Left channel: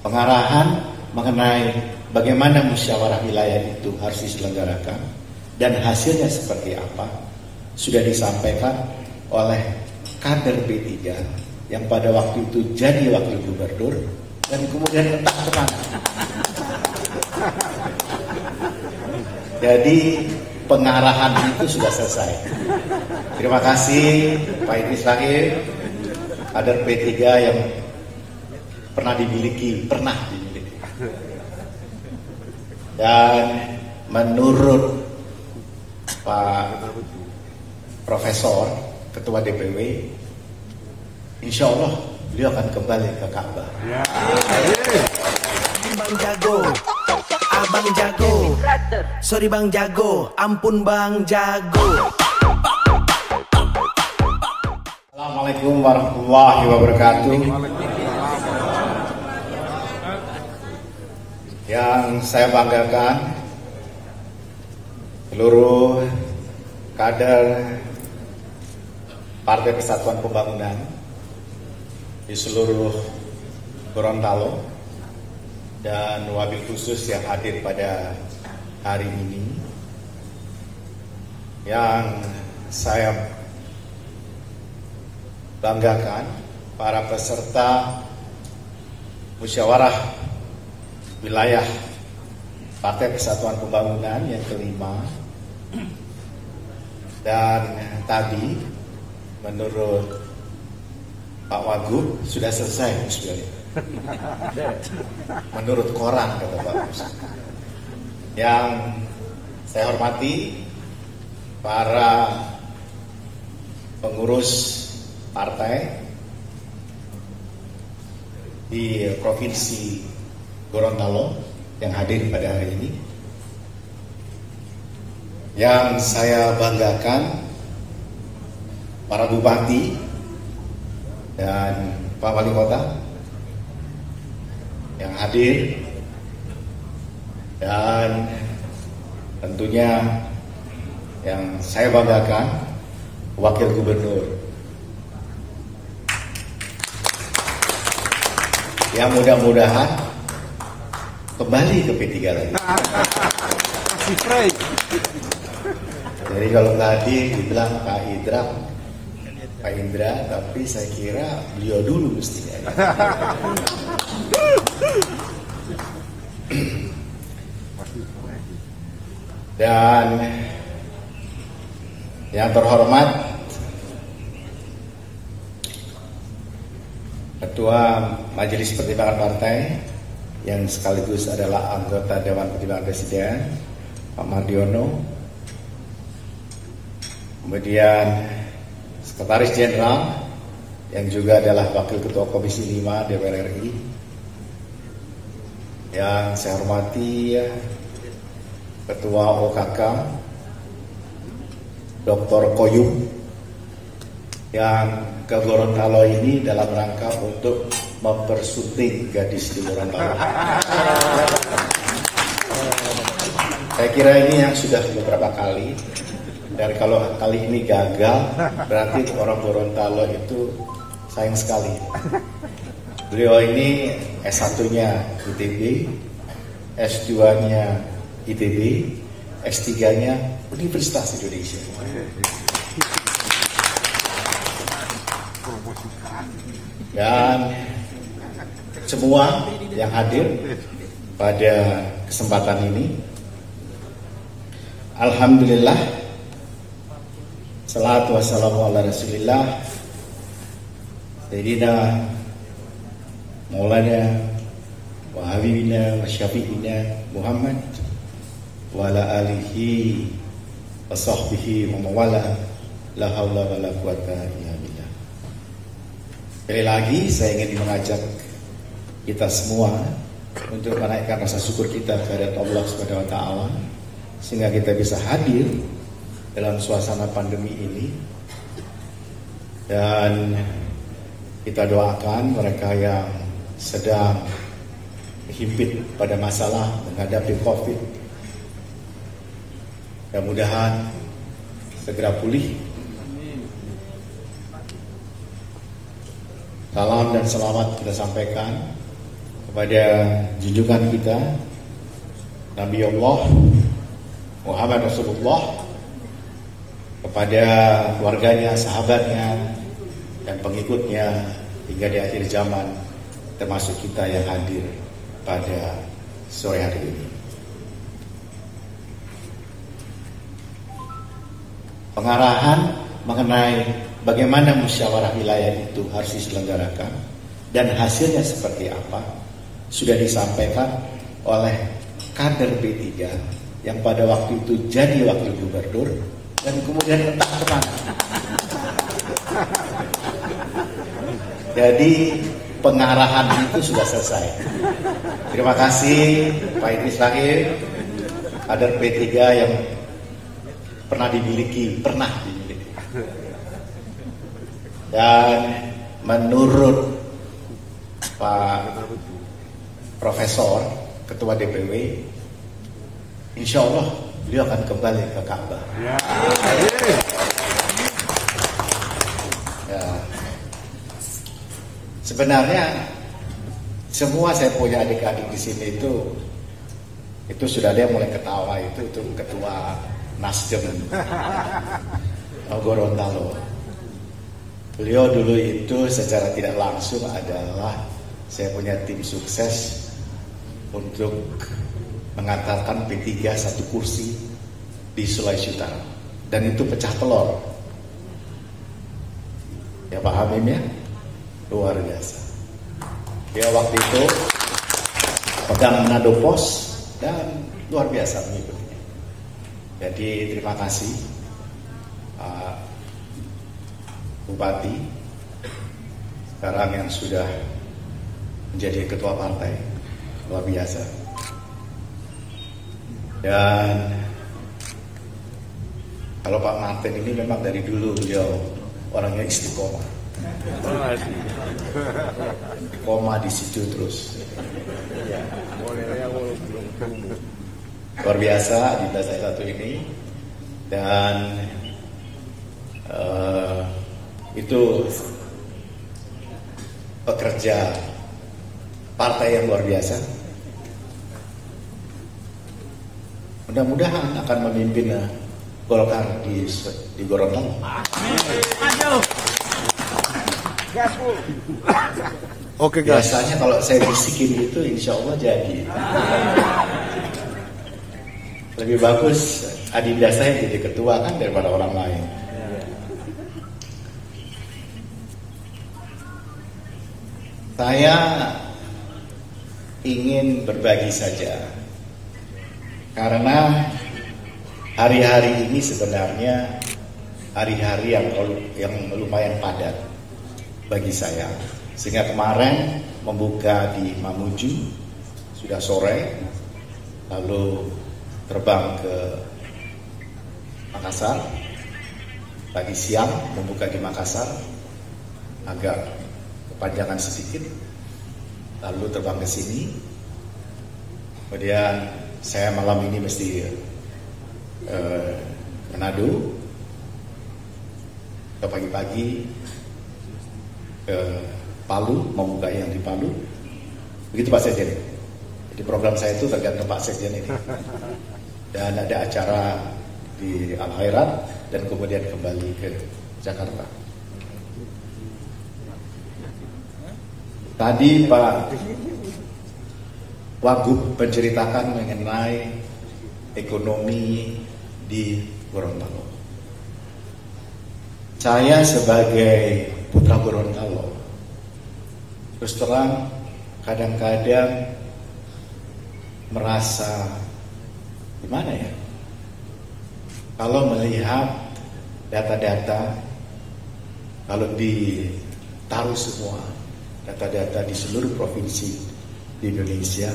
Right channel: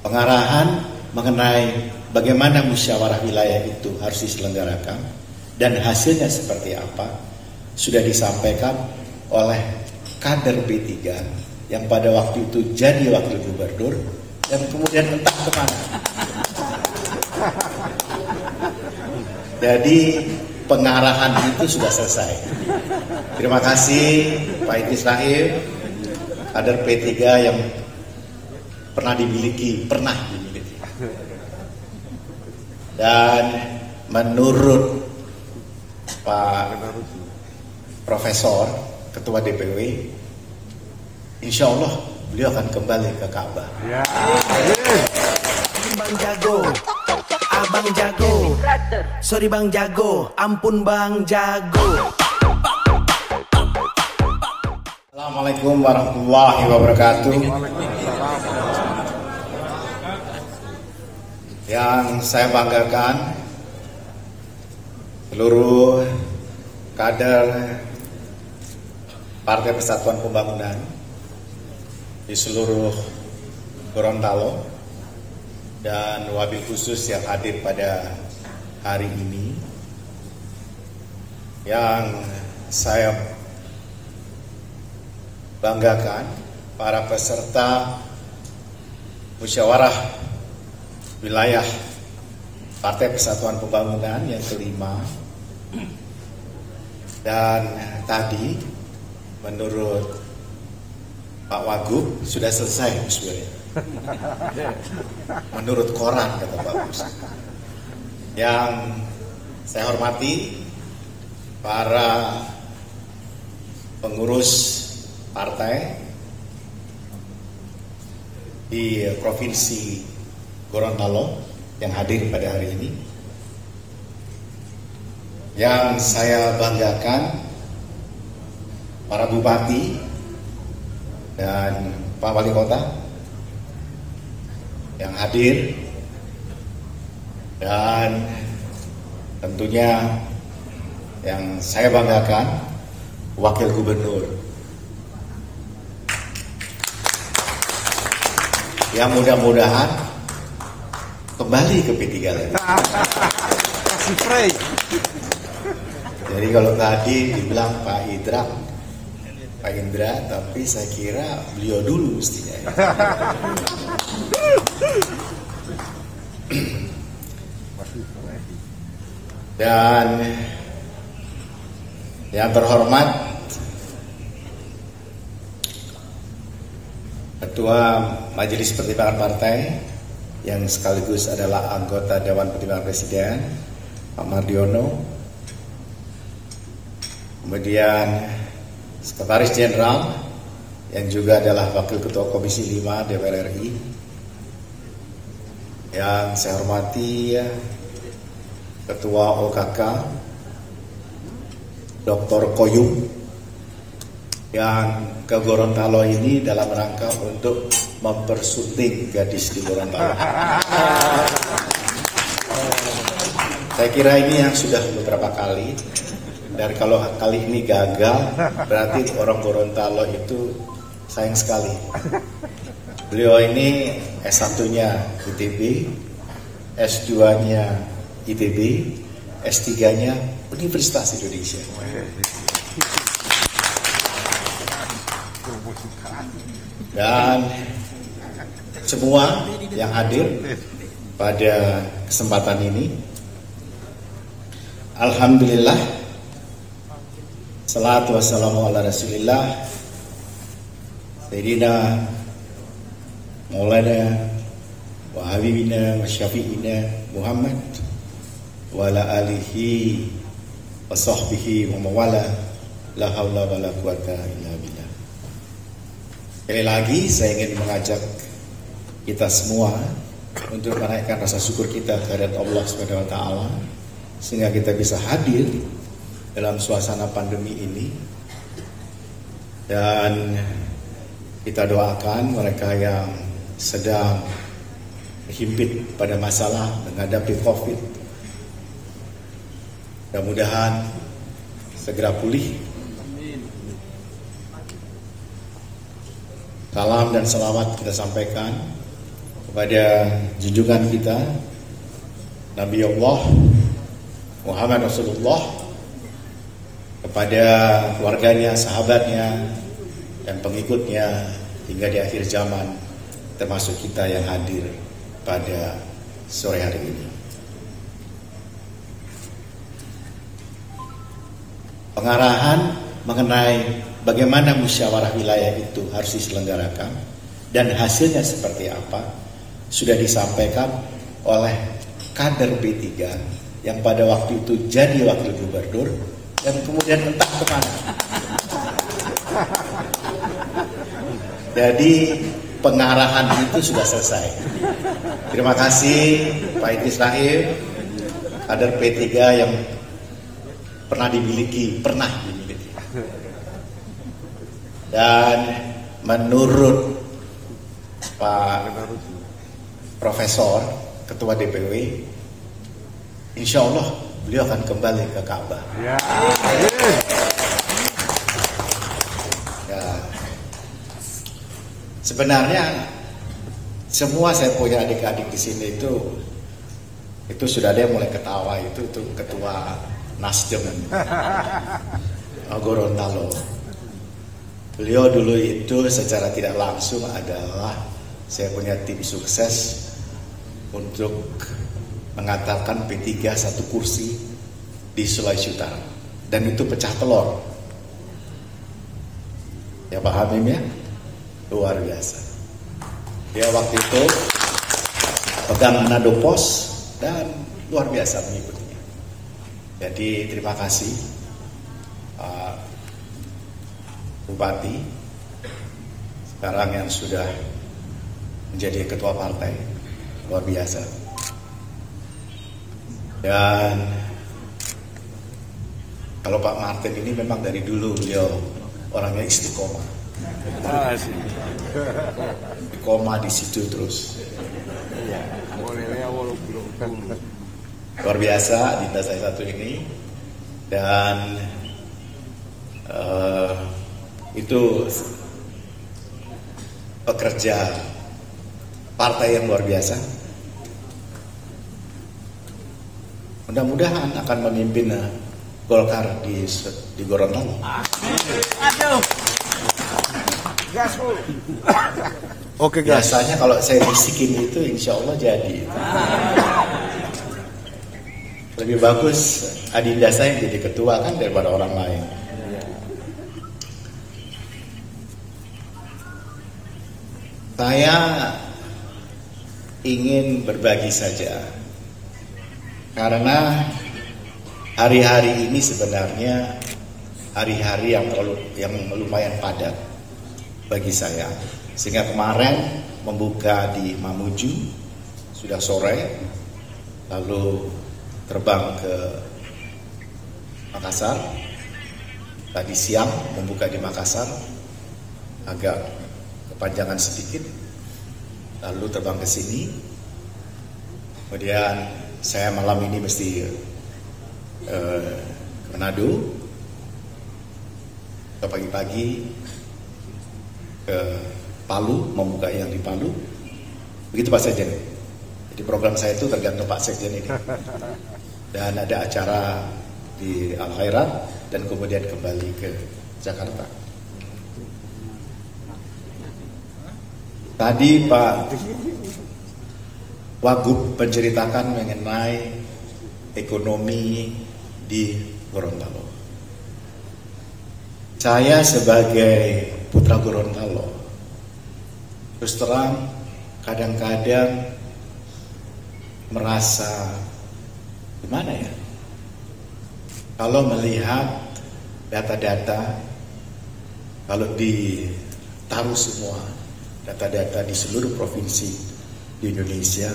pengarahan mengenai bagaimana musyawarah wilayah itu harus diselenggarakan dan hasilnya seperti apa sudah disampaikan oleh kader B3 yang pada waktu itu jadi wakil gubernur dan kemudian entah kemana. Jadi pengarahan itu sudah selesai. Terima kasih Pak Idris Rahim, kader P3 yang pernah dimiliki. Dan menurut Pak Profesor Ketua DPW, insya Allah beliau akan kembali ke Ka'bah. Ya. Bang Jago, Abang Jago, sorry Bang Jago, ampun Bang Jago. Assalamualaikum warahmatullahi wabarakatuh. Yang saya banggakan, seluruh kader Partai Persatuan Pembangunan di seluruh Gorontalo dan wabil khusus yang hadir pada hari ini, yang saya banggakan para peserta musyawarah wilayah Partai Persatuan Pembangunan yang kelima. Dan tadi menurut Pak Wagub sudah selesai sebenarnya. Menurut koran kata Pak Gus. Yang saya hormati para pengurus partai di Provinsi Gorontalo yang hadir pada hari ini. Yang saya banggakan para bupati dan Pak Wali Kota yang hadir, dan tentunya yang saya banggakan Wakil Gubernur yang mudah-mudahan kembali ke P3 lagi. Masih fresh. Jadi kalau tadi dibilang Pak Indra, tapi saya kira beliau dulu mestinya. Dan yang terhormat Ketua Majelis Pertimbangan Partai yang sekaligus adalah anggota Dewan Pertimbangan Presiden, Pak Mardiono. Kemudian Sekretaris Jenderal yang juga adalah Wakil Ketua Komisi 5 DPR RI. Yang saya hormati Ketua OKK Dr. Koyum yang ke Gorontalo ini dalam rangka untuk mempersunting gadis di Gorontalo. Saya kira ini yang sudah beberapa kali. Dan kalau kali ini gagal, berarti orang Gorontalo itu sayang sekali. Beliau ini S1-nya ITB, S2-nya ITB, S3-nya Universitas Indonesia. Dan semua yang hadir pada kesempatan ini, alhamdulillah, salatu wassalamu ala rasulillah Sayyidina Maulana wa habibina wa syafi'ina Muhammad wa ala alihi wa sahbihi wa mawala la hawla wa la quwata illa billah. Sekali lagi saya ingin mengajak kita semua untuk menaikkan rasa syukur kita kepada Allah Subhanahu wa taala sehingga kita bisa hadir dalam suasana pandemi ini, dan kita doakan mereka yang sedang himpit pada masalah menghadapi COVID, mudah-mudahan segera pulih. Salam dan selamat kita sampaikan kepada junjungan kita Nabi Allah Muhammad Rasulullah, kepada keluarganya, sahabatnya, dan pengikutnya hingga di akhir zaman, termasuk kita yang hadir pada sore hari ini. Pengarahan mengenai bagaimana musyawarah wilayah itu harus diselenggarakan dan hasilnya seperti apa sudah disampaikan oleh kader B3 yang pada waktu itu jadi wakil gubernur dan kemudian entah kemana. Jadi pengarahan itu sudah selesai. Terima kasih Pak Idris Rahim, kader P3 yang pernah dimiliki. Dan menurut Pak Profesor Ketua DPW, insya Allah beliau akan kembali ke Ka'bah. Ya. Sebenarnya semua saya punya adik-adik di sini itu sudah ada yang mulai ketawa, itu ketua Nasdem Gorontalo. Beliau dulu itu secara tidak langsung adalah saya punya tim sukses untuk mengantarkan P3 satu kursi di Sulawesi Utara, dan itu pecah telur. Ya paham ya, luar biasa. Dia waktu itu pegang Manado Pos dan luar biasa mengikutinya. Jadi terima kasih Pak Bupati sekarang yang sudah menjadi ketua partai, luar biasa. Dan kalau Pak Martin ini memang dari dulu beliau orangnya istiqomah, koma di situ terus. Luar biasa Dinda saya satu ini, dan itu pekerja partai yang luar biasa. Mudah-mudahan akan memimpin Golkar di Gorontalo. Oke guys. Biasanya kalau saya bisikin itu insya Allah jadi. Lebih bagus Adinda saya jadi ketua kan daripada orang lain. Saya ingin berbagi saja, karena hari-hari ini sebenarnya hari-hari yang lumayan padat bagi saya. Sehingga kemarin membuka di Mamuju sudah sore, lalu terbang ke Makassar, tadi siang membuka di Makassar, agak kepanjangan sedikit, lalu terbang ke sini. Kemudian saya malam ini mesti Manado, ke pagi-pagi ke Palu, membuka yang di Palu. Begitu Pak Sekjen. Jadi program saya itu tergantung Pak Sekjen ini. Dan ada acara di Al-Khairat dan kemudian kembali ke Jakarta. Tadi Pak Wagub menceritakan mengenai ekonomi di Gorontalo. Saya sebagai putra Gorontalo, terus terang kadang-kadang merasa gimana ya, kalau melihat data-data, kalau ditaruh semua data-data di seluruh provinsi di Indonesia,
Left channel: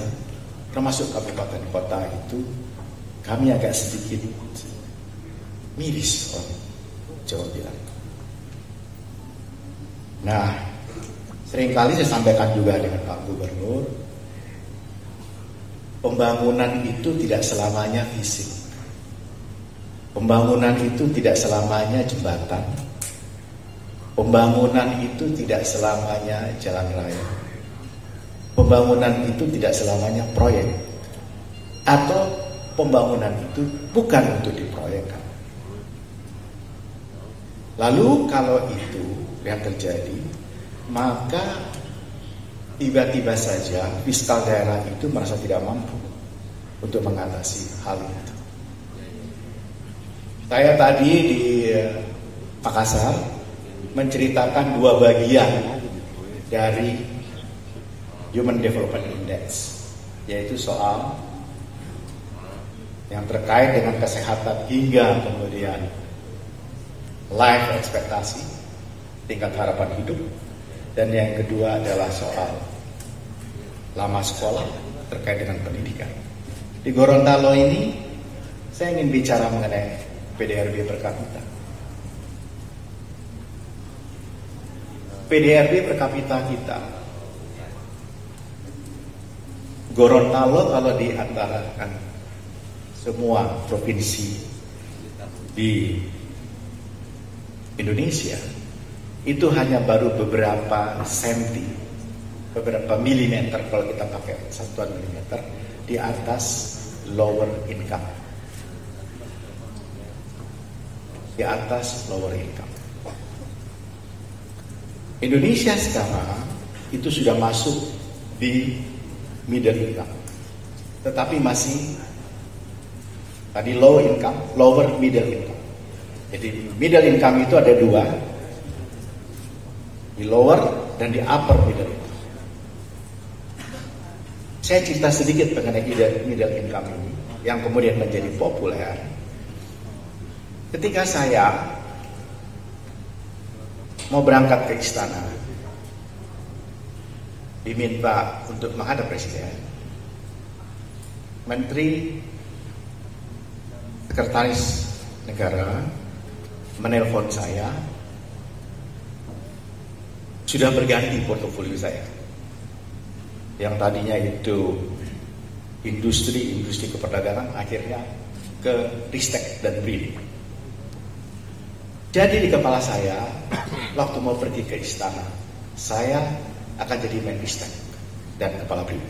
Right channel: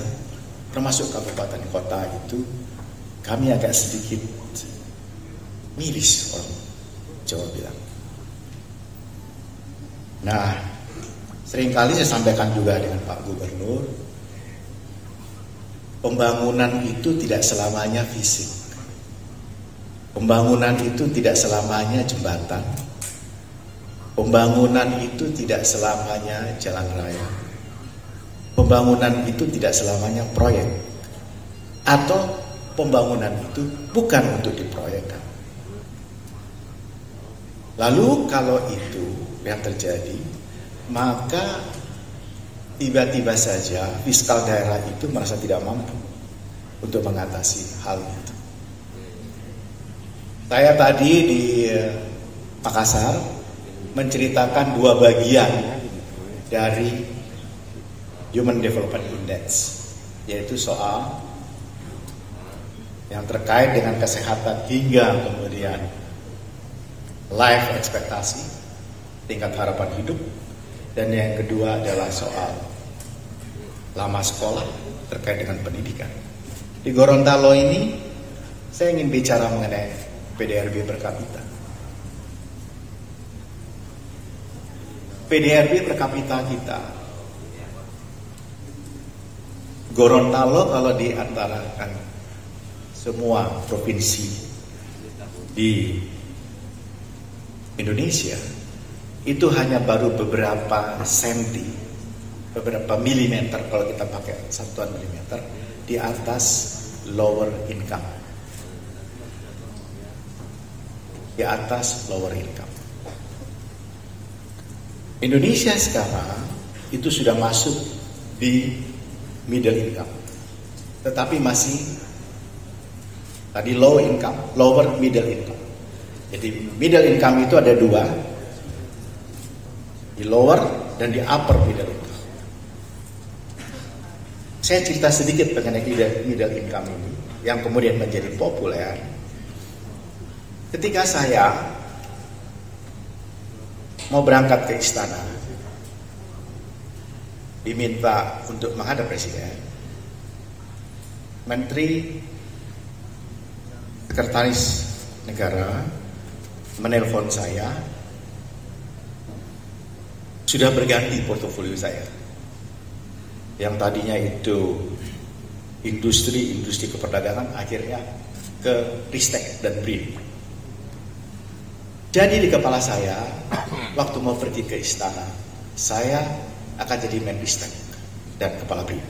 termasuk kabupaten kota itu, kami agak sedikit miris, orang Jawa bilang. Nah, seringkali saya sampaikan juga dengan Pak Gubernur, pembangunan itu tidak selamanya fisik. Pembangunan itu tidak selamanya jembatan. Pembangunan itu tidak selamanya jalan raya. pembangunan itu tidak selamanya proyek, atau pembangunan itu bukan untuk diproyekkan. Lalu kalau itu yang terjadi, maka tiba-tiba saja fiskal daerah itu merasa tidak mampu untuk mengatasi hal itu. Saya tadi di Makassar menceritakan dua bagian dari Human Development Index, yaitu soal yang terkait dengan kesehatan hingga kemudian life ekspektasi, tingkat harapan hidup, dan yang kedua adalah soal lama sekolah terkait dengan pendidikan. Di Gorontalo ini saya ingin bicara mengenai PDRB per kapita. PDRB per kapita kita, Gorontalo kalau diantarakan semua provinsi di Indonesia itu hanya baru beberapa senti, beberapa milimeter kalau kita pakai satuan milimeter di atas lower income. Di atas lower income. Indonesia sekarang itu sudah masuk di middle income, tetapi masih tadi low income, lower middle income. Jadi middle income itu ada dua, di lower dan di upper middle income. Saya cerita sedikit mengenai middle income ini yang kemudian menjadi populer. Ketika saya mau berangkat ke istana, diminta untuk menghadap presiden, Menteri Sekretaris Negara menelpon saya, sudah berganti portofolio saya. Yang tadinya itu industri keperdagangan, akhirnya ke Ristek dan BRIN. Jadi di kepala saya, waktu mau pergi ke istana, saya akan jadi Menristek dan kepala BRIN.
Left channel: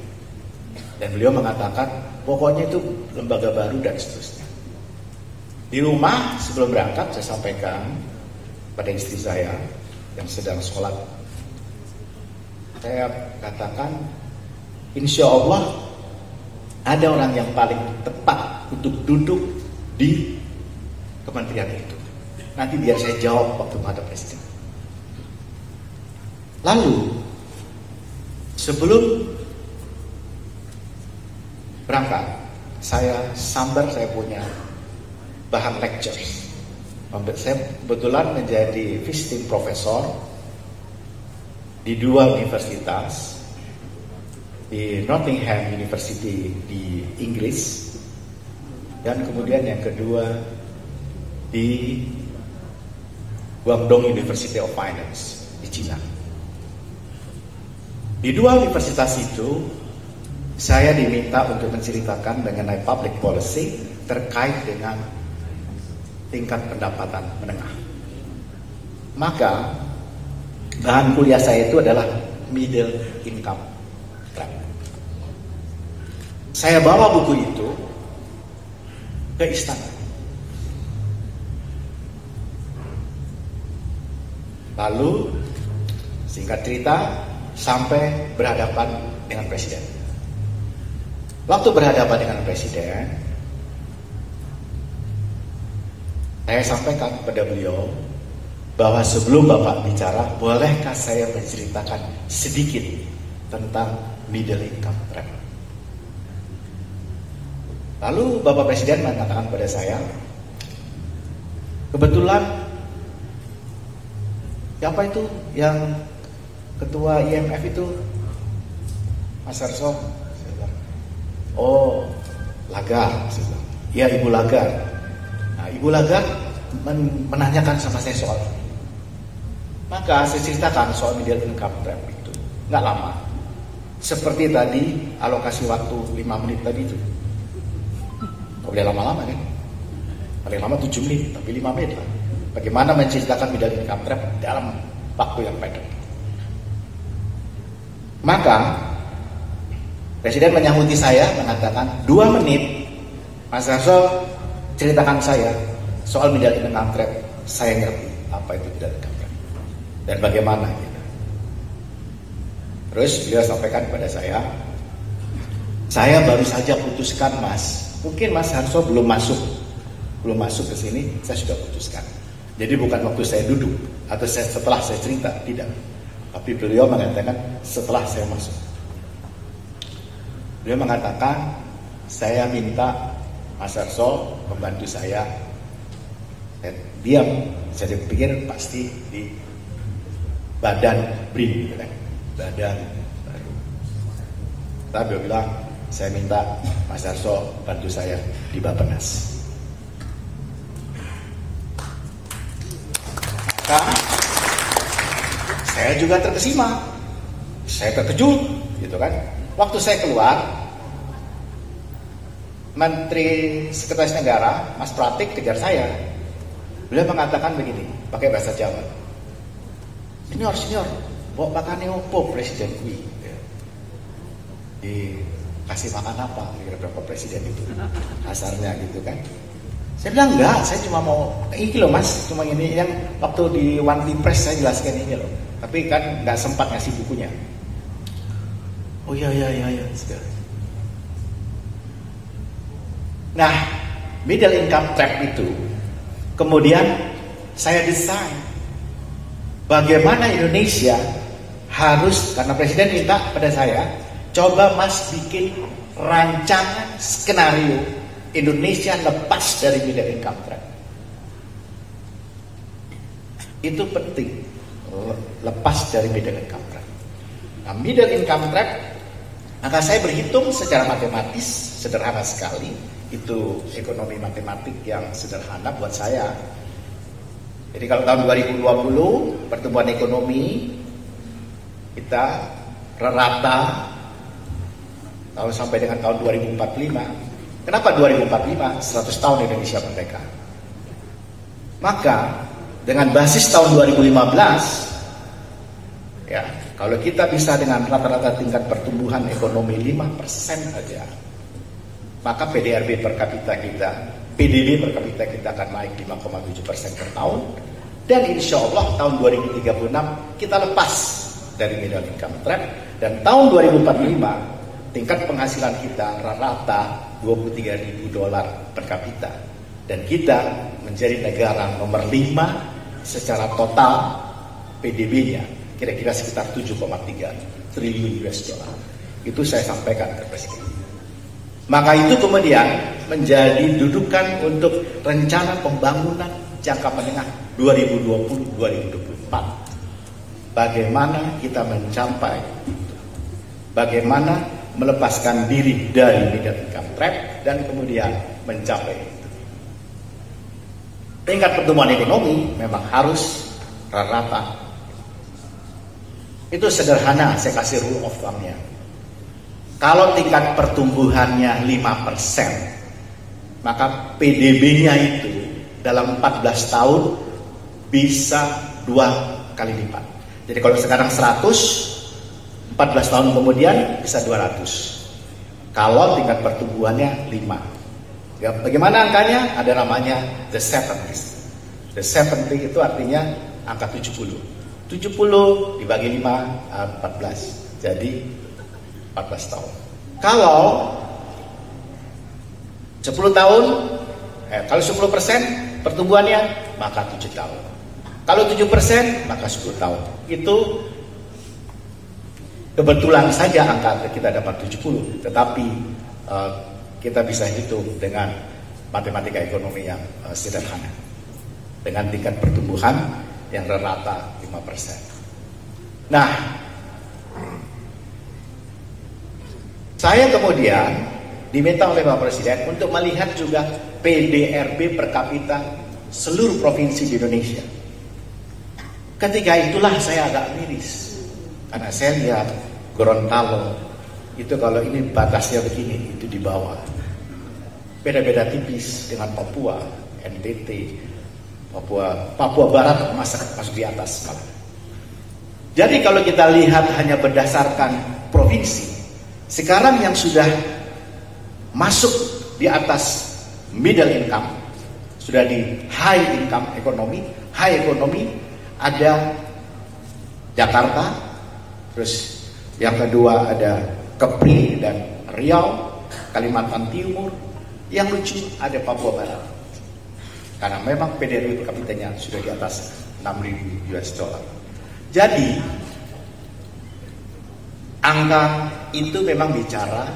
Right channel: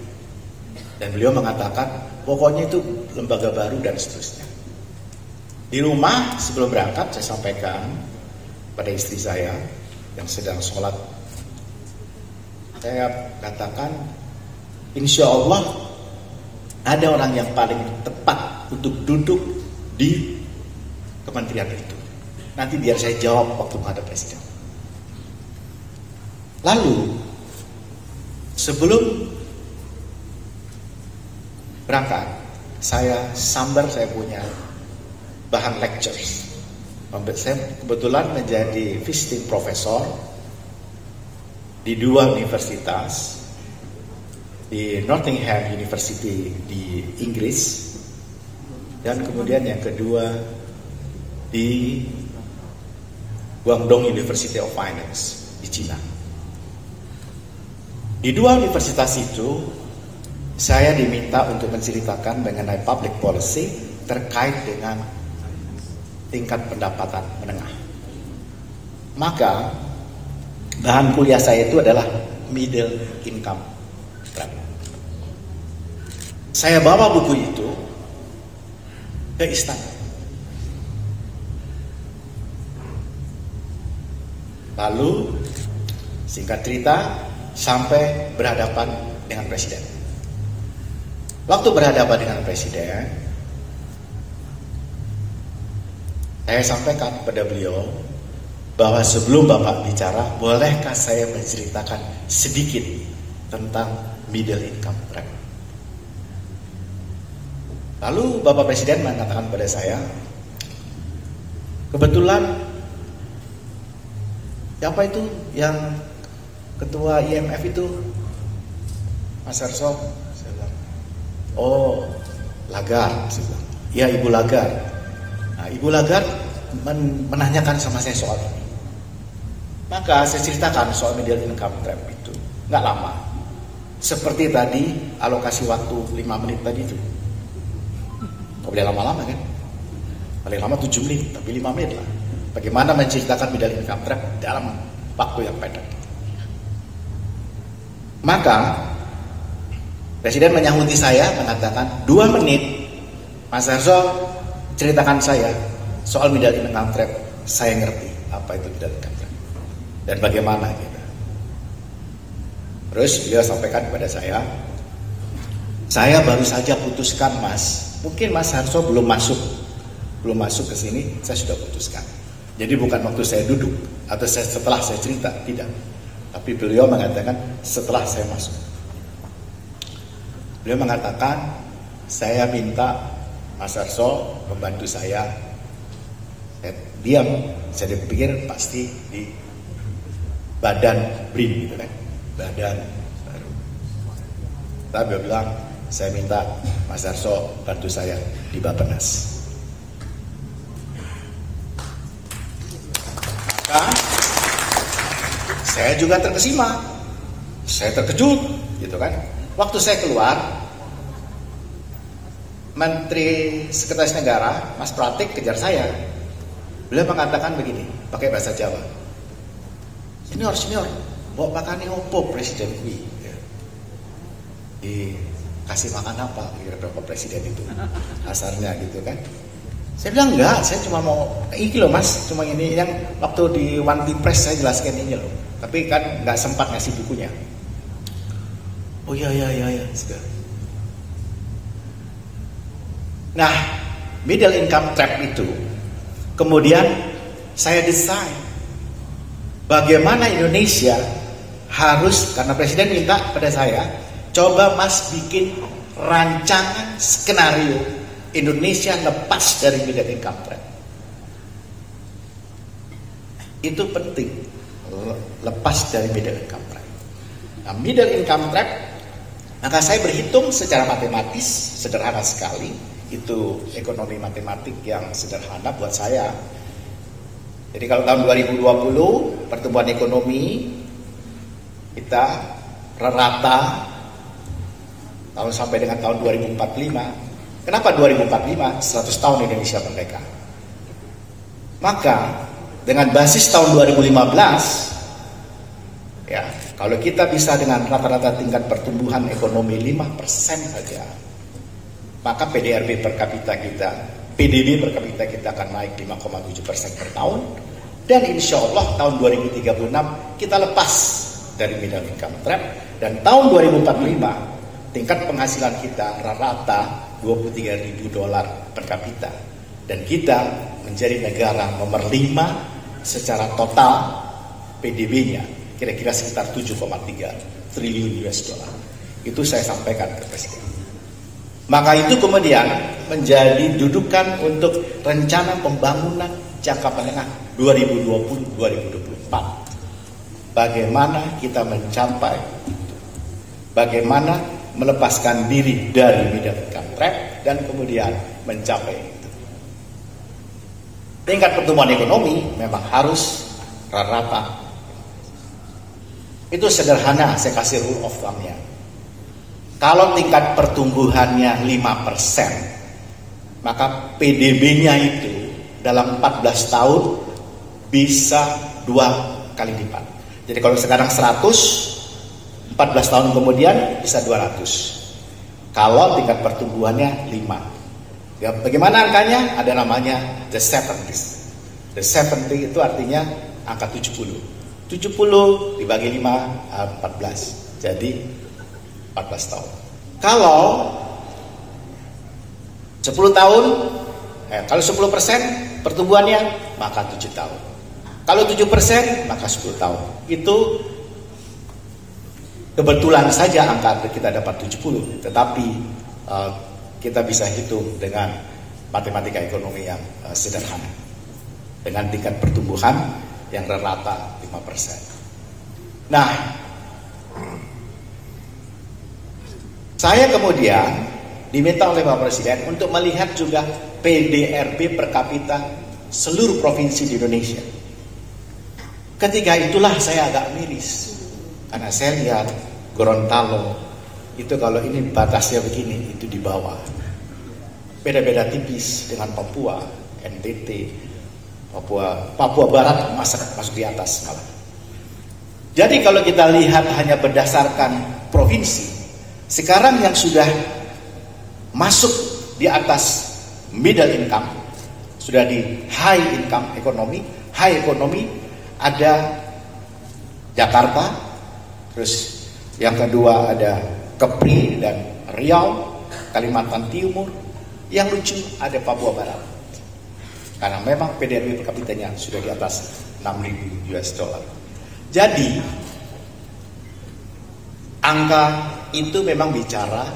Dan beliau mengatakan, pokoknya itu lembaga baru dan seterusnya. Di rumah sebelum berangkat saya sampaikan pada istri saya yang sedang sholat. Saya katakan, insya Allah ada orang yang paling tepat untuk duduk di kementerian itu. Nanti biar saya jawab waktu menghadap presiden. Lalu sebelum berangkat, saya punya bahan lecture. Saya kebetulan menjadi visiting professor di dua universitas, di Nottingham University di Inggris, dan kemudian yang kedua di Guangdong University of Finance di Cina. Di dua universitas itu saya diminta untuk menceritakan mengenai public policy terkait dengan tingkat pendapatan menengah. Maka bahan kuliah saya itu adalah middle income trap. Saya bawa buku itu ke istana. Lalu singkat cerita sampai berhadapan dengan presiden. Waktu berhadapan dengan presiden, saya sampaikan kepada beliau bahwa sebelum Bapak bicara, bolehkah saya menceritakan sedikit tentang middle income trap. Lalu Bapak Presiden mengatakan pada saya, kebetulan siapa itu yang ketua IMF itu? Mas Arso? Oh, Lagarde. Ya, Ibu Lagarde. Nah, Ibu Lagarde menanyakan sama saya soal ini. Maka saya ceritakan soal middle income trap itu. Nggak lama. Seperti tadi alokasi waktu 5 menit tadi itu. Nggak boleh lama-lama kan? Paling lama 7 menit, tapi 5 menit lah. Bagaimana menceritakan middle income trap dalam waktu yang pendek. Maka Presiden menyahuti saya mengatakan 2 menit Mas Harso ceritakan saya soal middle income trap. Saya ngerti apa itu middle income trap dan bagaimana gitu. Terus beliau sampaikan kepada saya baru saja putuskan Mas. Mungkin Mas Harso belum masuk ke sini, saya sudah putuskan. Jadi bukan waktu saya duduk atau setelah saya cerita, tidak. Tapi beliau mengatakan setelah saya masuk. Beliau mengatakan, saya minta Mas Harso membantu saya. Dan diam, saya pikir pasti di badan BRIN, gitu kan? Badan baru. Tapi beliau bilang, saya minta Mas Harso bantu saya di Bappenas. Maka saya juga terkesima, saya terkejut, gitu kan? Waktu saya keluar, Menteri Sekretaris Negara, Mas Pratik, kejar saya. Beliau mengatakan begini, pakai bahasa Jawa. Senior, bawa makan opo Presiden ini. Dikasih makan apa? Kira-kira Presiden itu, asarnya gitu kan? Saya bilang enggak, saya cuma mau ini loh Mas, cuma ini yang waktu di One Team Press saya jelaskan ini loh. Tapi kan nggak sempat ngasih bukunya. Oh iya. Nah, middle income trap itu kemudian saya desain bagaimana Indonesia harus, karena Presiden minta pada saya, coba Mas bikin rancangan skenario Indonesia lepas dari middle income trap. Itu penting, lepas dari middle income trap. Nah, middle income trap, maka saya berhitung secara matematis, sederhana sekali. Itu ekonomi matematik yang sederhana buat saya. Jadi kalau tahun 2020 pertumbuhan ekonomi kita rata tahun sampai dengan tahun 2045. Kenapa 2045? 100 tahun Indonesia merdeka. Maka dengan basis tahun 2015, ya kalau kita bisa dengan rata-rata tingkat pertumbuhan ekonomi 5% saja, maka PDRB per kapita kita, PDB per kapita kita akan naik 5,7% per tahun. Dan insya Allah tahun 2036 kita lepas dari middle income trap. Dan tahun 2045 tingkat penghasilan kita rata-rata $23.000 per kapita. Dan kita menjadi negara nomor 5 secara total PDB-nya. Kira-kira sekitar 7,3 triliun US dollar. Itu saya sampaikan ke Presiden. Maka itu kemudian menjadi dudukan untuk rencana pembangunan jangka menengah 2020-2024. Bagaimana kita mencapai itu? Bagaimana melepaskan diri dari middle income trap dan kemudian mencapai itu. Tingkat pertumbuhan ekonomi memang harus rata-rata. Itu sederhana, saya kasih rule of thumb-nya. Kalau tingkat pertumbuhannya 5%, maka PDB-nya itu dalam 14 tahun bisa 2 kali lipat. Jadi kalau sekarang 100, 14 tahun kemudian bisa 200. Kalau tingkat pertumbuhannya 5. Ya, bagaimana angkanya? Ada namanya the 70s. The 70 itu artinya angka 70. 70 dibagi 5, 14. Jadi 14 tahun. Kalau 10 tahun, kalau 10% pertumbuhannya, maka 7 tahun. Kalau 7%, maka 10 tahun. Itu kebetulan saja angka kita dapat 70, tetapi kita bisa hitung dengan matematika ekonomi yang sederhana. Dengan tingkat pertumbuhan yang rata 5%. Nah, saya kemudian diminta oleh Bapak Presiden untuk melihat juga PDRB per kapita seluruh provinsi di Indonesia. Ketika itulah saya agak miris, karena saya lihat Gorontalo itu kalau ini batasnya begini, itu di bawah. Beda-beda tipis dengan Papua, NTT, Papua Barat masuk di atas malah. Jadi kalau kita lihat hanya berdasarkan provinsi, Sekarang yang sudah masuk di atas middle income, sudah di high income ekonomi, high ekonomi, ada Jakarta, terus yang kedua ada Kepri dan Riau, Kalimantan Timur, yang lucu ada Papua Barat. Karena memang PDRB per kapitanya sudah di atas 6.000 US dollar. Jadi angka itu memang bicara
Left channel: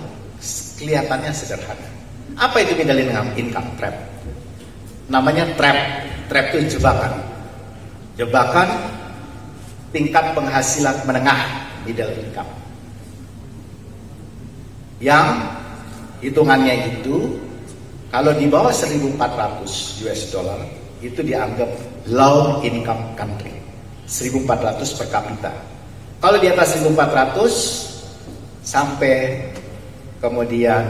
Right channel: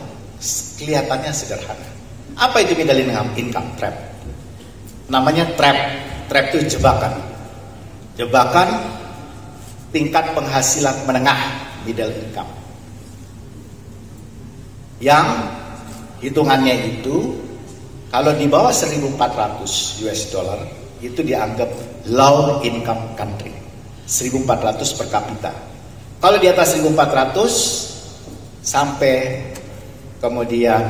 kelihatannya sederhana. Apa itu middle income trap? Namanya trap. Trap itu jebakan. Jebakan tingkat penghasilan menengah middle income. Yang hitungannya itu kalau di bawah 1.400 US dollar itu dianggap low income country. 1.400 per kapita. Kalau di atas 1.400 sampai kemudian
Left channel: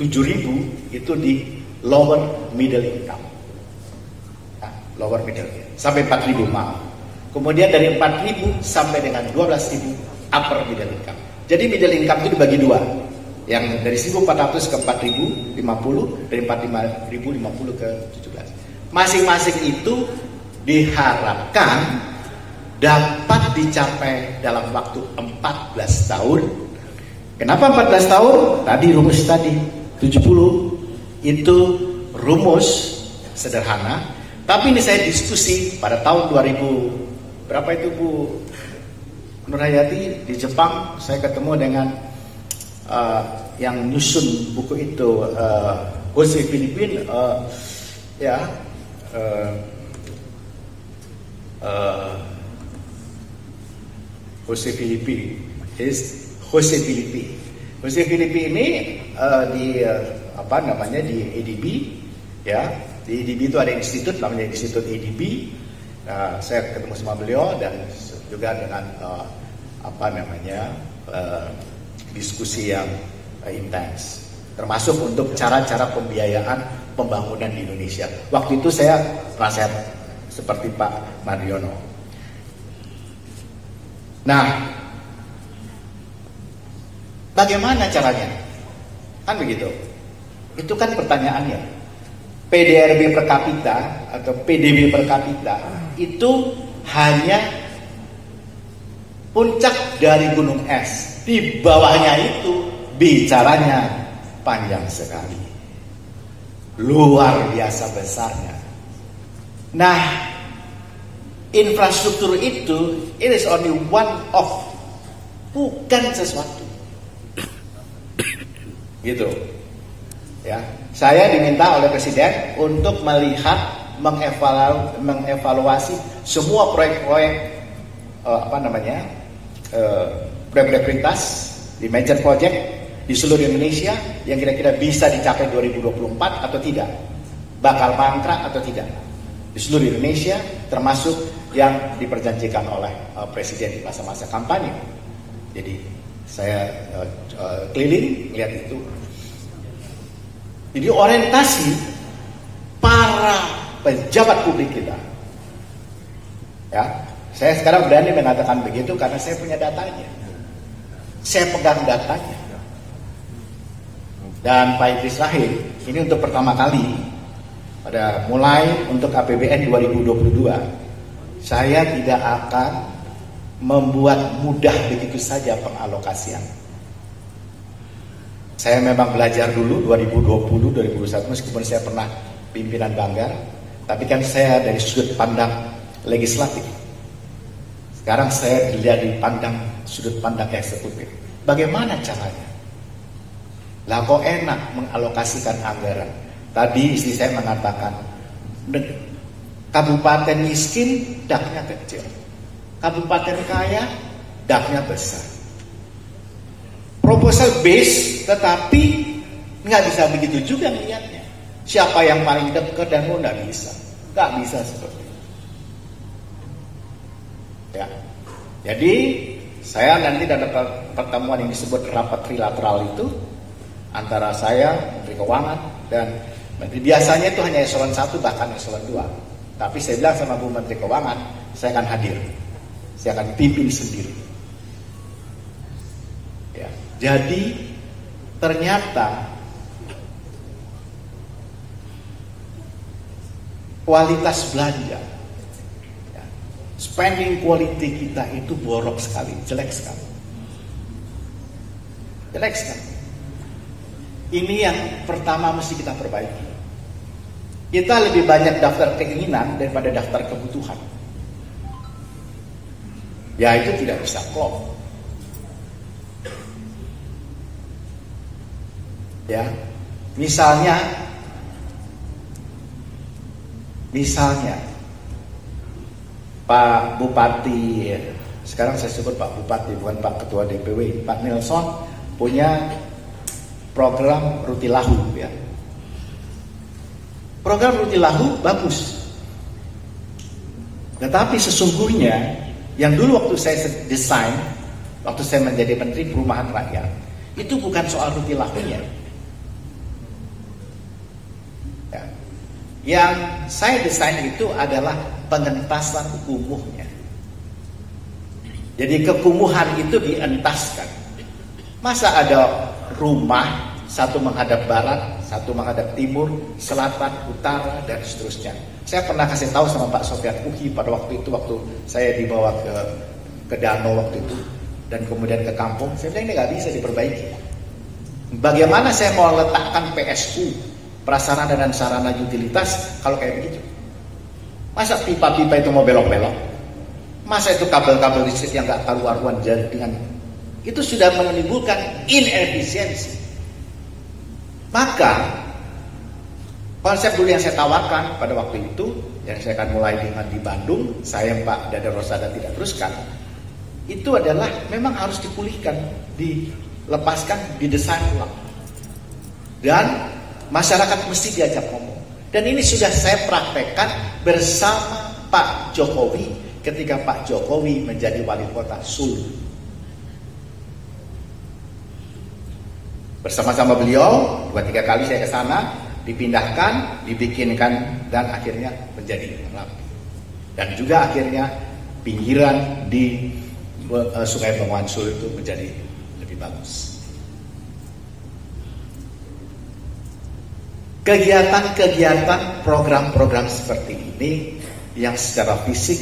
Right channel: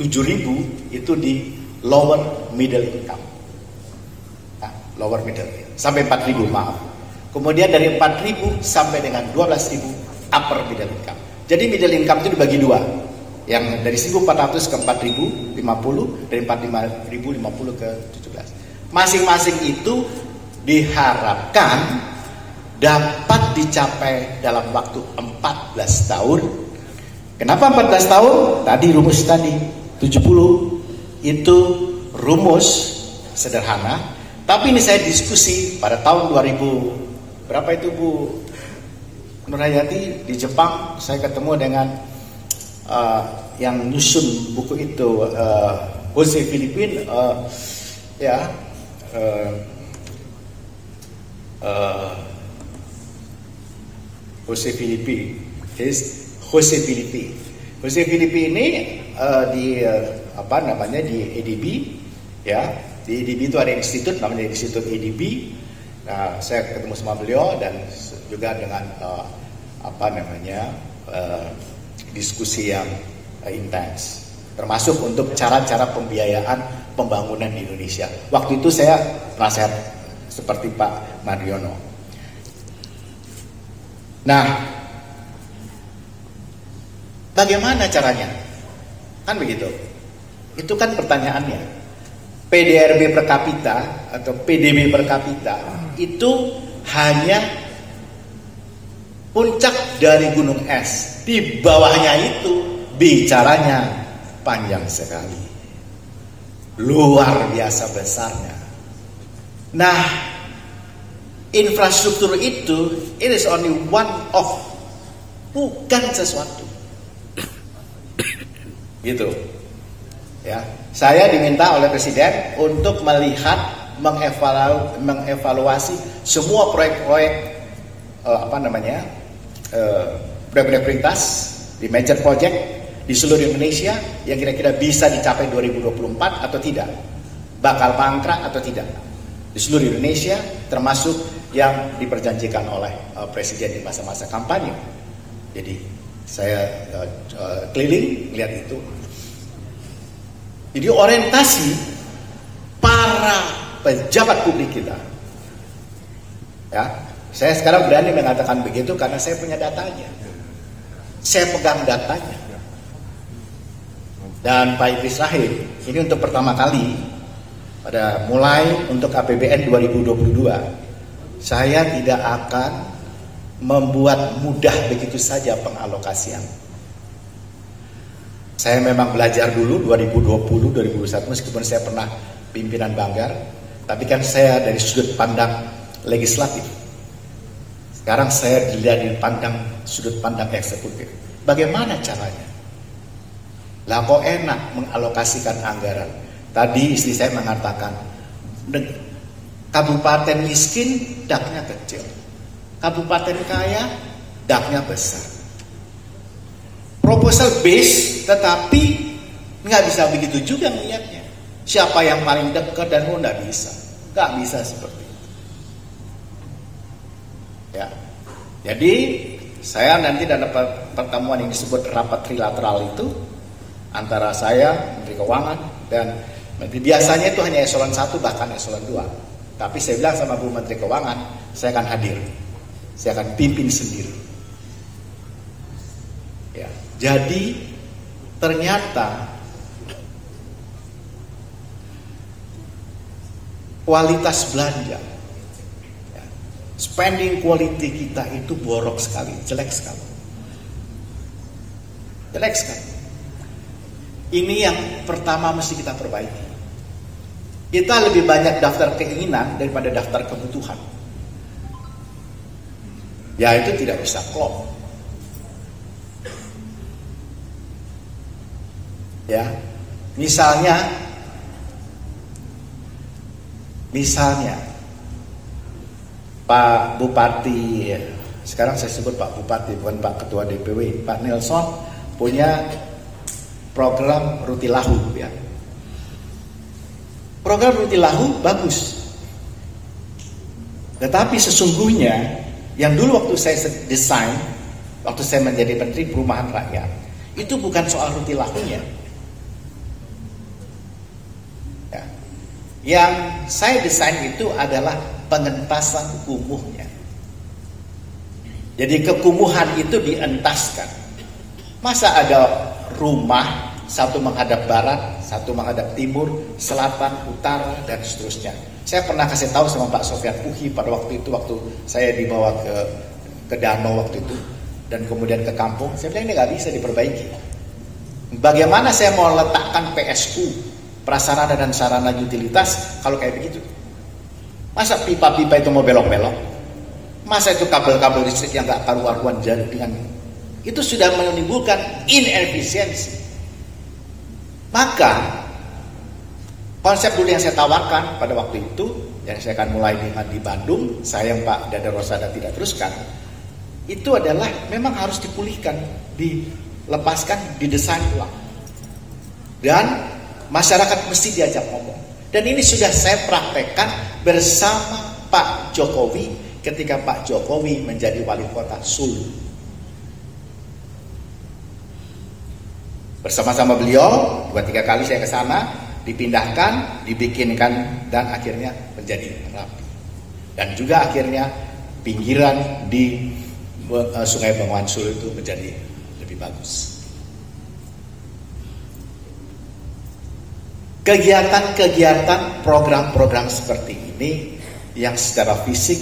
7.000 itu di lower middle income. Nah, lower middle sampai 4.000 maaf. Kemudian dari 4.000 sampai dengan 12.000 upper middle income. Jadi middle income itu dibagi dua. Yang dari 1.400 ke 4.050, dari 4.050 ke 17. Masing-masing itu diharapkan dapat dicapai dalam waktu 14 tahun. Kenapa 14 tahun? Tadi rumus tadi 70 itu rumus sederhana. Tapi ini saya diskusi pada tahun 2000 berapa itu Bu Nurhayati di Jepang. Saya ketemu dengan yang nyusun buku itu Jose Filipin Jose Filipi ini di di ADB ya. Di ADB itu ada institut namanya Institut ADB. Nah, saya ketemu sama beliau dan juga dengan diskusi yang intens, termasuk untuk cara-cara pembiayaan pembangunan di Indonesia. Waktu itu saya nasihat seperti Pak Mardiono. Nah, bagaimana caranya? Kan begitu. Itu kan pertanyaannya. PDRB per kapita atau PDB per kapita itu hanya puncak dari gunung es. Di bawahnya itu bicaranya panjang sekali. Luar biasa besarnya. Nah, infrastruktur itu it is only one of, bukan sesuatu. Gitu. Ya, saya diminta oleh Presiden untuk melihat mengevaluasi semua proyek-proyek proyek-proyek prioritas di major project di seluruh Indonesia yang kira-kira bisa dicapai 2024 atau tidak, bakal mangkrak atau tidak di seluruh Indonesia, termasuk yang diperjanjikan oleh Presiden di masa-masa kampanye. Jadi saya keliling lihat itu. Jadi orientasi para pejabat publik kita, ya, saya sekarang berani mengatakan begitu karena saya punya datanya, saya pegang datanya. Dan Pak Idris Rahim ini untuk pertama kali pada mulai untuk APBN 2022, saya tidak akan membuat mudah begitu saja pengalokasian. Saya memang belajar dulu 2020, 2021 meskipun saya pernah pimpinan Banggar, tapi kan saya dari sudut pandang legislatif. Sekarang saya dilihat dari sudut pandang eksekutif. Bagaimana caranya? Lah kok enak mengalokasikan anggaran. Tadi istri saya mengatakan, kabupaten miskin daknya kecil, kabupaten kaya daknya besar. Proposal base, tetapi nggak bisa begitu juga melihatnya. Siapa yang paling dekat dan nggak bisa seperti itu. Ya, jadi saya nanti dalam pertemuan yang disebut rapat trilateral itu antara saya, Menteri Keuangan dan Menteri, biasanya itu hanya eselon 1 bahkan eselon 2. Tapi saya bilang sama Bu Menteri Keuangan, saya akan hadir, saya akan pimpin sendiri. Ya, jadi ternyata kualitas belanja, ya, spending quality kita itu borok sekali, jelek sekali. Jelek sekali. Ini yang pertama mesti kita perbaiki. Kita lebih banyak daftar keinginan daripada daftar kebutuhan. Ya itu tidak bisa klop. Ya, misalnya Pak Bupati, sekarang saya sebut Pak Bupati bukan Pak Ketua DPW, Pak Nelson punya program Rutilahu, ya. Program Rutilahu bagus. Tetapi sesungguhnya yang dulu waktu saya desain, waktu saya menjadi Menteri Perumahan Rakyat, itu bukan soal Rutilahunya. Ya. Yang saya desain itu adalah pengentasan kumuhnya. Jadi kekumuhan itu dientaskan. Masa ada rumah satu menghadap barat, satu menghadap timur, selatan, utara, dan seterusnya. Saya pernah kasih tahu sama Pak Sofyan Uhi pada waktu itu, waktu saya dibawa ke danau waktu itu, dan kemudian ke kampung. Saya bilang ini nggak bisa diperbaiki. Bagaimana saya mau letakkan PSU, prasarana dan sarana utilitas, kalau kayak begitu? Masa pipa-pipa itu mau belok-belok? Masa itu kabel-kabel listrik yang nggak karu-karuan jaringan? Itu sudah menimbulkan inefisiensi. Maka konsep dulu yang saya tawarkan pada waktu itu, yang saya akan mulai di Bandung, sayang Pak Dada Rosada tidak teruskan, itu adalah memang harus dipulihkan, dilepaskan, didesain ulang. Dan masyarakat mesti diajak ngomong. Dan ini sudah saya praktekkan bersama Pak Jokowi ketika Pak Jokowi menjadi wali kota Sulu. Bersama-sama beliau 2-3 kali saya ke sana, dipindahkan, dibikinkan, dan akhirnya menjadi rapi. Dan juga akhirnya pinggiran di Sungai Bengawan Solo itu menjadi lebih bagus. Kegiatan-kegiatan, program-program seperti ini yang secara fisik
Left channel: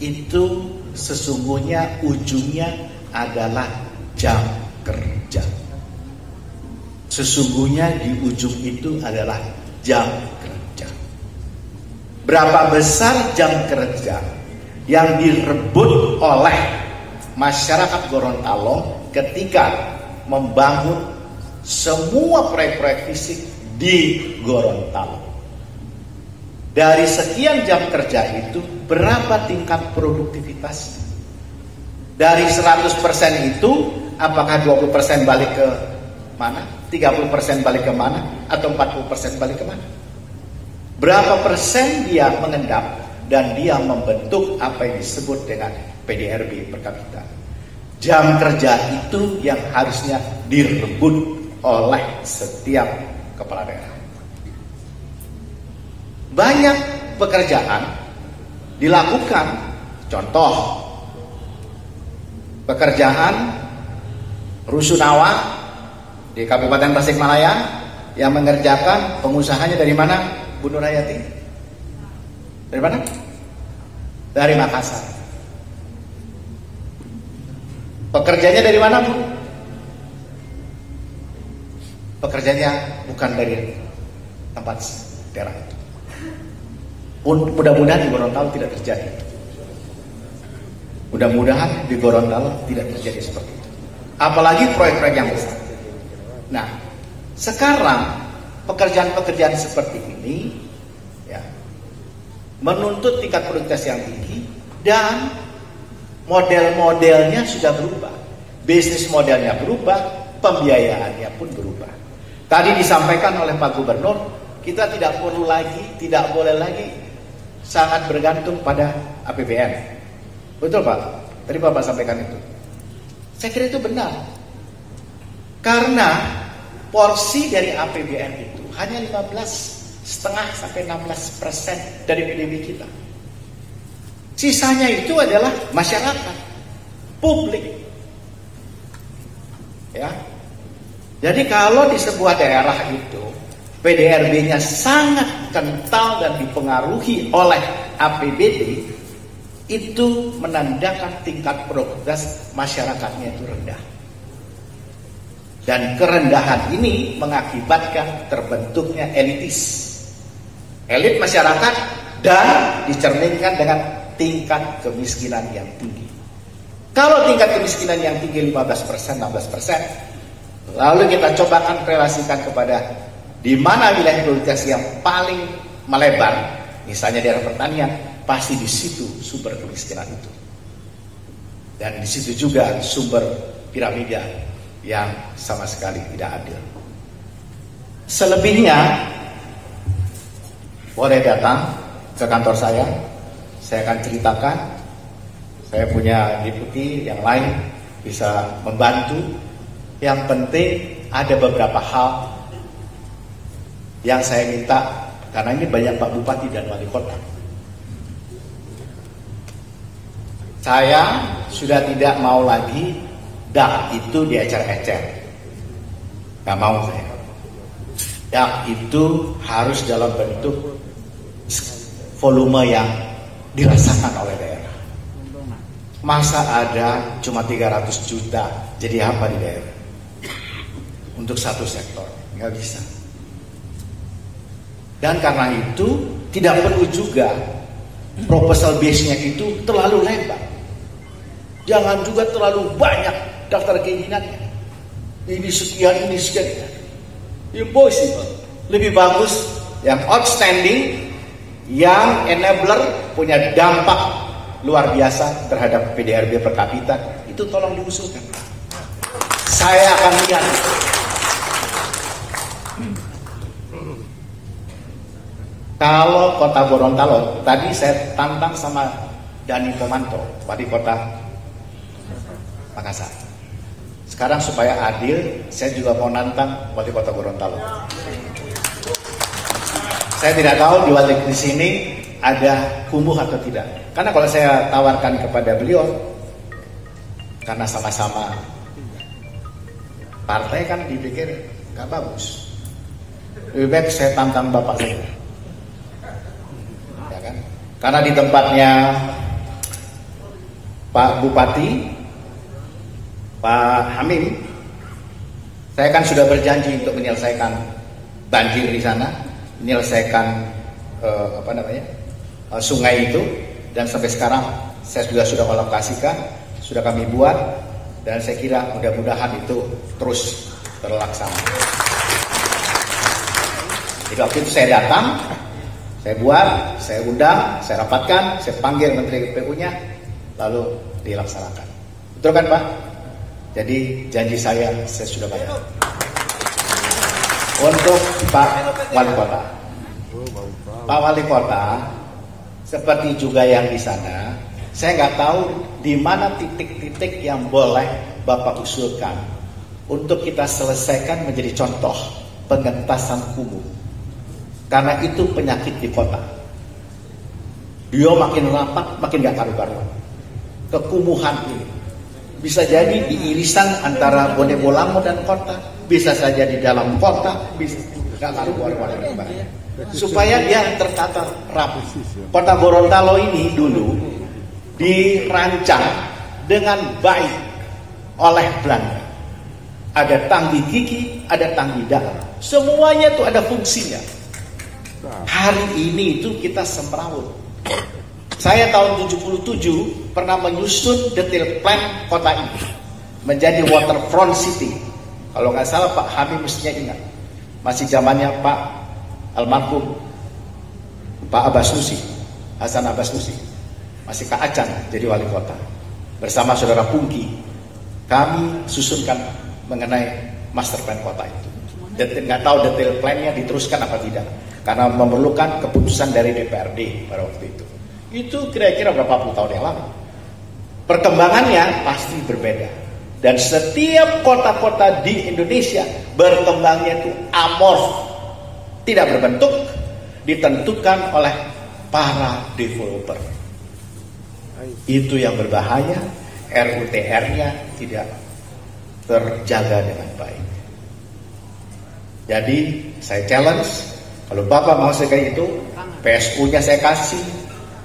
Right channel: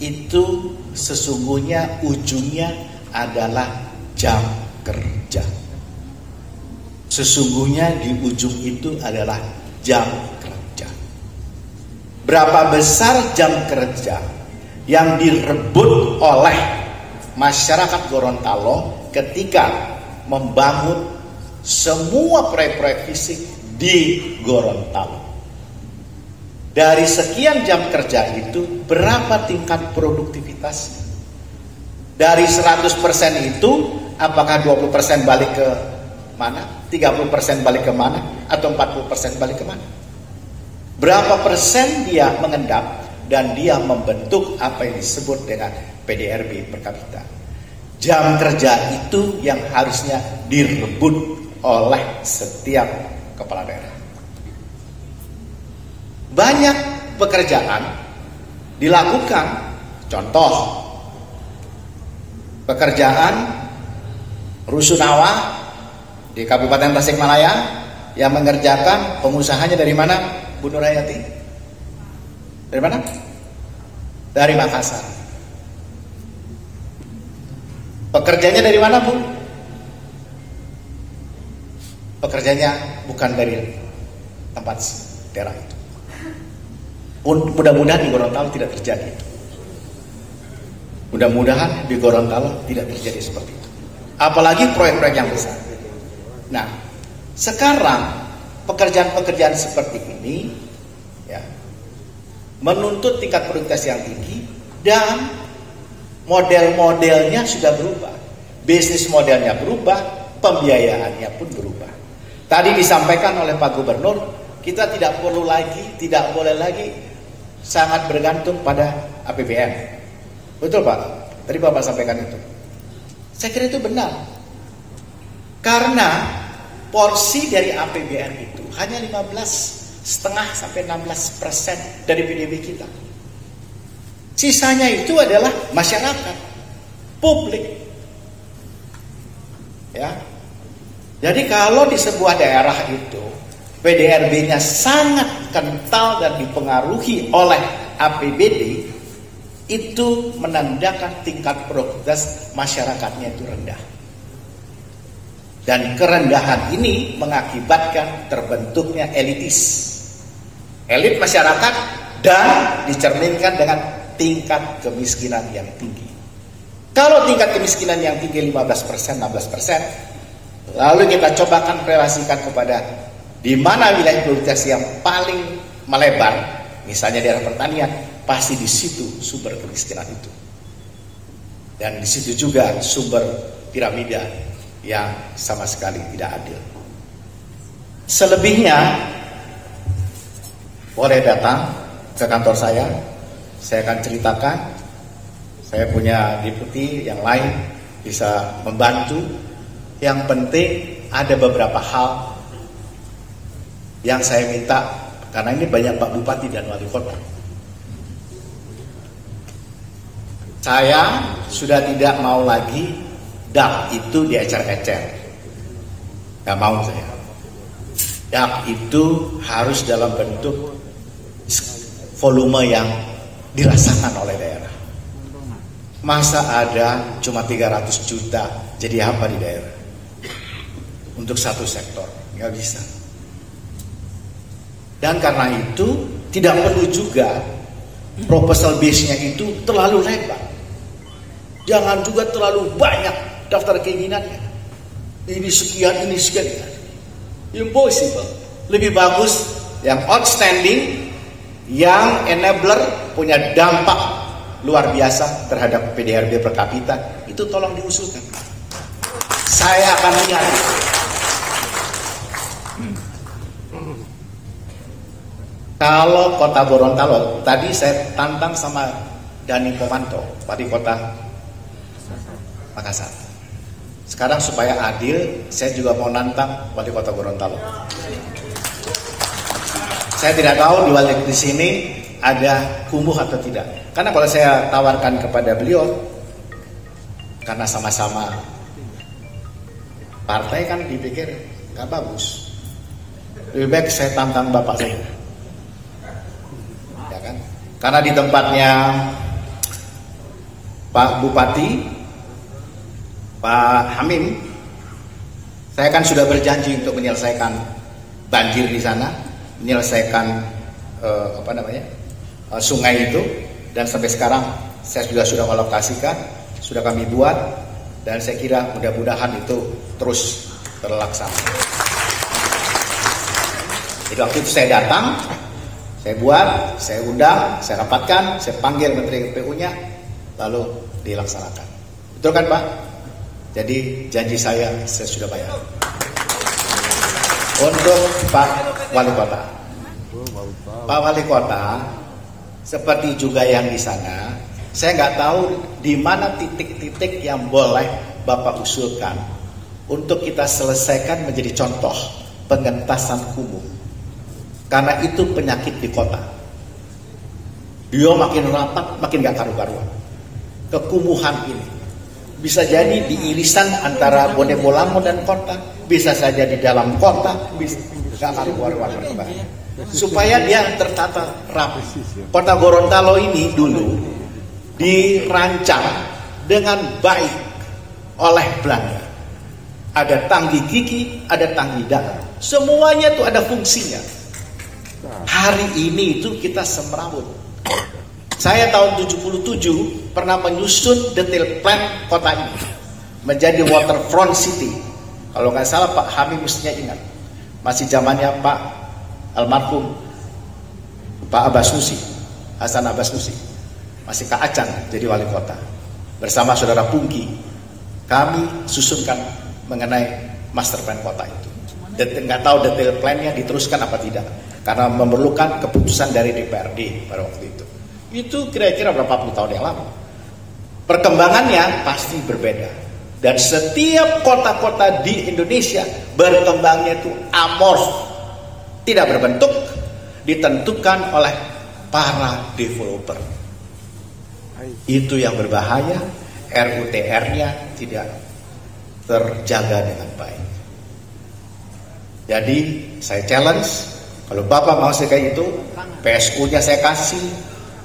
itu sesungguhnya ujungnya adalah jam kerja. Sesungguhnya di ujung itu adalah jam kerja. Berapa besar jam kerja yang direbut oleh masyarakat Gorontalo ketika membangun semua proyek-proyek fisik di Gorontalo. Dari sekian jam kerja itu berapa tingkat produktivitas? Dari 100% itu apakah 20% balik ke mana? 30% balik ke mana? Atau 40% balik ke mana? Berapa persen dia mengendap dan dia membentuk apa yang disebut dengan PDRB per kapita? Jam kerja itu yang harusnya direbut oleh setiap kepala daerah. Banyak pekerjaan dilakukan, contoh pekerjaan rusunawa di Kabupaten Tasikmalaya yang mengerjakan pengusahanya dari mana? Bu Nurhayati. Dari mana? Dari Makassar. Pekerjanya dari mana, Bu? Pekerjanya bukan dari tempat daerah itu. Mudah-mudahan di Gorontalo tidak terjadi. Mudah-mudahan di Gorontalo tidak terjadi seperti itu. Apalagi proyek-proyek yang besar. Nah, sekarang pekerjaan-pekerjaan seperti ini ya, menuntut tingkat produktivitas yang tinggi dan model-modelnya sudah berubah. Bisnis modelnya berubah, pembiayaannya pun berubah. Tadi disampaikan oleh Pak Gubernur, kita tidak boleh lagi sangat bergantung pada APBN. Betul Pak? Tadi Bapak sampaikan itu. Saya kira itu benar. Karena porsi dari APBN itu hanya 15,5 sampai 16% dari PDB kita. Sisanya itu adalah masyarakat, publik. Ya. Jadi kalau di sebuah daerah itu PDRB-nya sangat kental dan dipengaruhi oleh APBD, itu menandakan tingkat produktivitas masyarakatnya itu rendah. Dan kerendahan ini mengakibatkan terbentuknya elitis. Elit masyarakat dan dicerminkan dengan tingkat kemiskinan yang tinggi. Kalau tingkat kemiskinan yang tinggi 15%, 16%, lalu kita cobakan relasikan kepada di mana wilayah produktivitas yang paling melebar, misalnya daerah pertanian, pasti di situ sumber kemiskinan itu. Dan di situ juga sumber piramida yang sama sekali tidak adil. Selebihnya boleh datang ke kantor saya akan ceritakan. Saya punya deputi yang lain bisa membantu. Yang penting ada beberapa hal yang saya minta, karena ini banyak Pak Bupati dan Wali Kota. Saya sudah tidak mau lagi DAP itu diecer-ecer. Gak mau saya. DAP itu harus dalam bentuk volume yang dirasakan oleh daerah. Masa ada cuma 300 juta jadi apa di daerah? Untuk satu sektor, nggak bisa. Dan karena itu tidak perlu juga proposal base-nya itu terlalu lebar. Jangan juga terlalu banyak daftar keinginannya. Ini sekian, ini sekian. Impossible. Lebih bagus yang outstanding, yang enabler, punya dampak luar biasa terhadap PDRB per kapita, itu tolong diusulkan. Saya akan lihat. Kalau Kota Gorontalo, tadi saya tantang sama Dani Pomanto, Wali Kota Makassar. Sekarang supaya adil, saya juga mau nantang Wali Kota Gorontalo. Saya tidak tahu di sini ada kumuh atau tidak. Karena kalau saya tawarkan kepada beliau, karena sama-sama partai kan dipikir gak bagus. Lebih baik saya tantang bapak saya. Ya kan? Karena di tempatnya Pak Bupati, Pak Hamim, saya kan sudah berjanji untuk menyelesaikan banjir di sana, menyelesaikan sungai itu, dan sampai sekarang saya sudah alokasikan, sudah kami buat, dan saya kira mudah-mudahan itu terus terlaksana. Jadi waktu itu saya datang, saya buat, saya undang, saya rapatkan, saya panggil Menteri PU-nya, lalu dilaksanakan. Betul kan Pak? Jadi janji saya sudah bayar. Untuk Pak Wali Kota, Pak Wali Kota, seperti juga yang di sana, saya nggak tahu di mana titik-titik yang boleh Bapak usulkan untuk kita selesaikan menjadi contoh pengentasan kumuh. Karena itu penyakit di kota. Dia makin rapat, makin gak karu-karuan. Kekumuhan ini bisa jadi di irisan antara Bonebolamo dan kota, bisa saja di dalam kota, bisa gak karu-karuan. Supaya dia tertata rapi. Kota Gorontalo ini dulu dirancang dengan baik oleh Belanda. Ada Tanggi Gigi, ada Tanggi Dalam. Semuanya itu ada fungsinya. Hari ini itu kita semrawut. Saya tahun 77 pernah menyusun detail plan kota ini menjadi waterfront city. Kalau nggak salah Pak Hamim mestinya ingat, masih zamannya Pak almarhum Pak Abbas Nusi, Hasan Abbas Nusi, masih Kak Acan jadi wali kota. Bersama saudara Pungki, kami susunkan mengenai master plan kota itu. Nggak tahu detail plannya diteruskan apa tidak, karena memerlukan keputusan dari DPRD pada waktu itu. Itu kira-kira berapa puluh tahun yang lalu. Perkembangannya pasti berbeda, dan setiap kota-kota di Indonesia berkembangnya itu amorf, tidak berbentuk, ditentukan oleh para developer. Itu yang berbahaya. RUTR-nya tidak terjaga dengan baik. Jadi saya challenge, kalau Bapak mau kayak itu, PSU-nya saya kasih,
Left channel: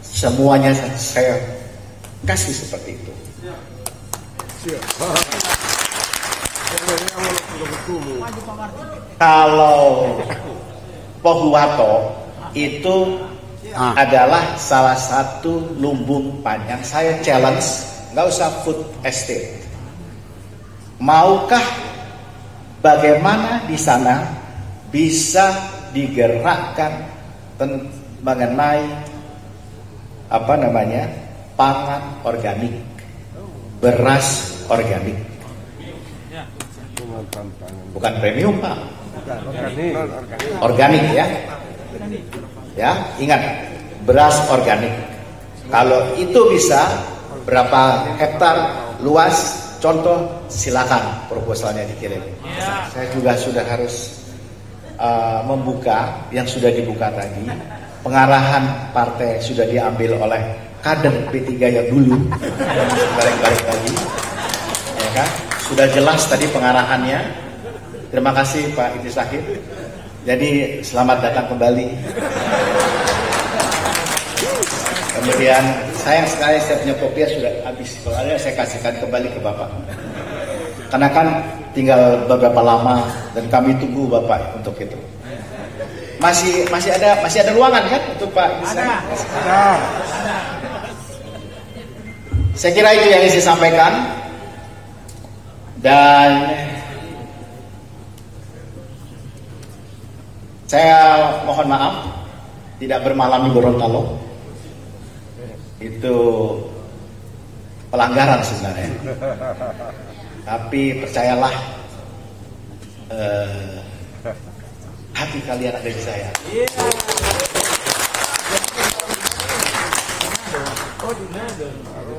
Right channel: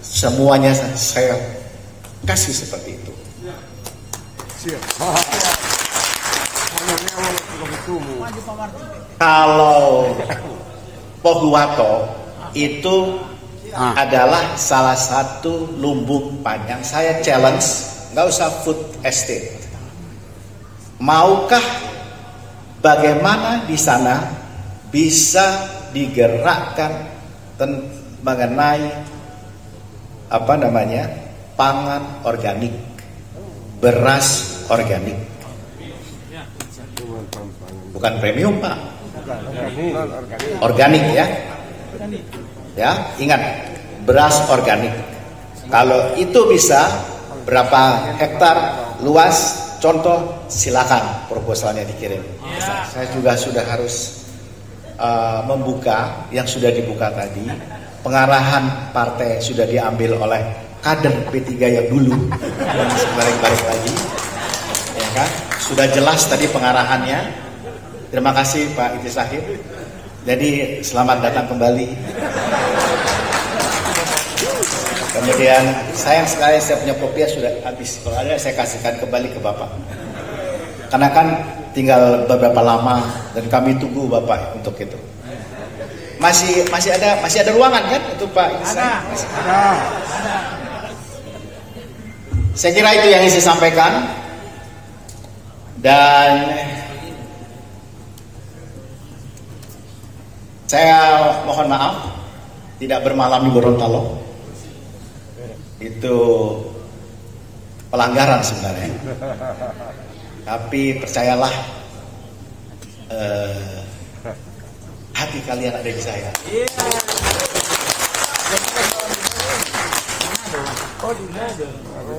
semuanya saya kasih seperti itu. Kalau Pohuwato itu adalah salah satu lumbung panjang. Saya challenge, nggak usah food estate. Maukah bagaimana di sana bisa digerakkan mengenai pangan organik, beras organik, bukan premium Pak, organik ya. Ya, ingat, beras organik. Kalau itu bisa berapa hektar luas, contoh, silakan proposalnya dikirim. Saya juga sudah harus membuka yang sudah dibuka tadi. Pengarahan partai sudah diambil oleh kader P3 yang dulu, bareng-bareng tadi. Ya kan? Sudah jelas tadi pengarahannya. Terima kasih Pak Idris Syahid. Jadi selamat datang kembali. Kemudian sayang sekali saya punya kopiah sudah habis. Kalau ada saya kasihkan kembali ke Bapak. Karena kan tinggal beberapa lama dan kami tunggu Bapak untuk itu. Masih ada ruangan kan untuk Pak? Ada. Saya kira itu yang ingin saya sampaikan. Dan saya mohon maaf tidak bermalam di Gorontalo. Itu pelanggaran sebenarnya. Tapi percayalah, hati kalian ada di saya.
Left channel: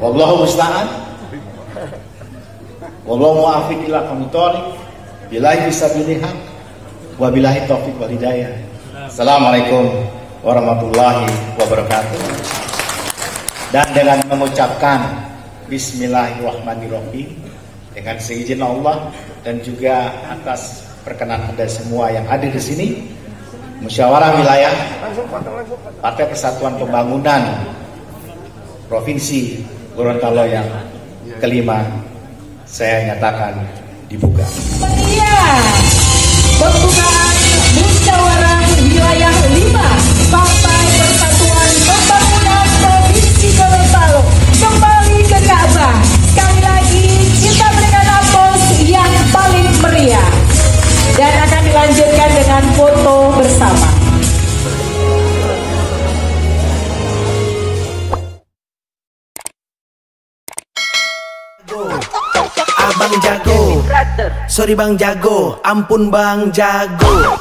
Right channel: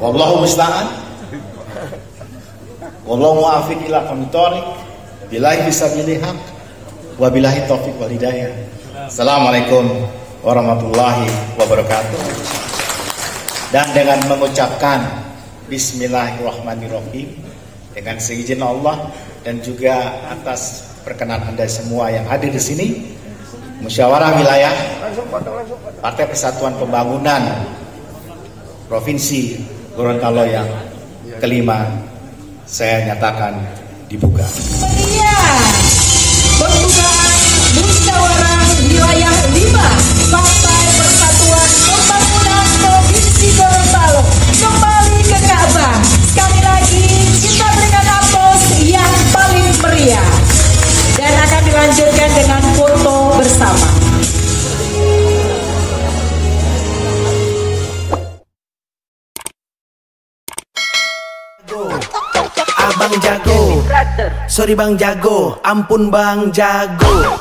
Wallahu musta'an. Wallahu mu'afiq ila qawmit thoriq. Billahi fisabilillah. Wabillahi taufiq wal hidayah. Assalamualaikum warahmatullahi wabarakatuh. Dan dengan mengucapkan Bismillahirrahmanirrahim, dengan seizin Allah dan juga atas perkenan Anda semua yang hadir di sini, Musyawarah Wilayah Partai Persatuan Pembangunan Provinsi Gorontalo yang kelima saya nyatakan dibuka. Pembukaan Musyawarah Wilayah 5 Partai Persatuan Pembangunan Provinsi Gorontalo kembali ke kasa. Sekali lagi kita berikan aplaus yang paling meriah dan akan dilanjutkan dengan foto bersama. Abang jago, sorry Bang jago, ampun Bang jago.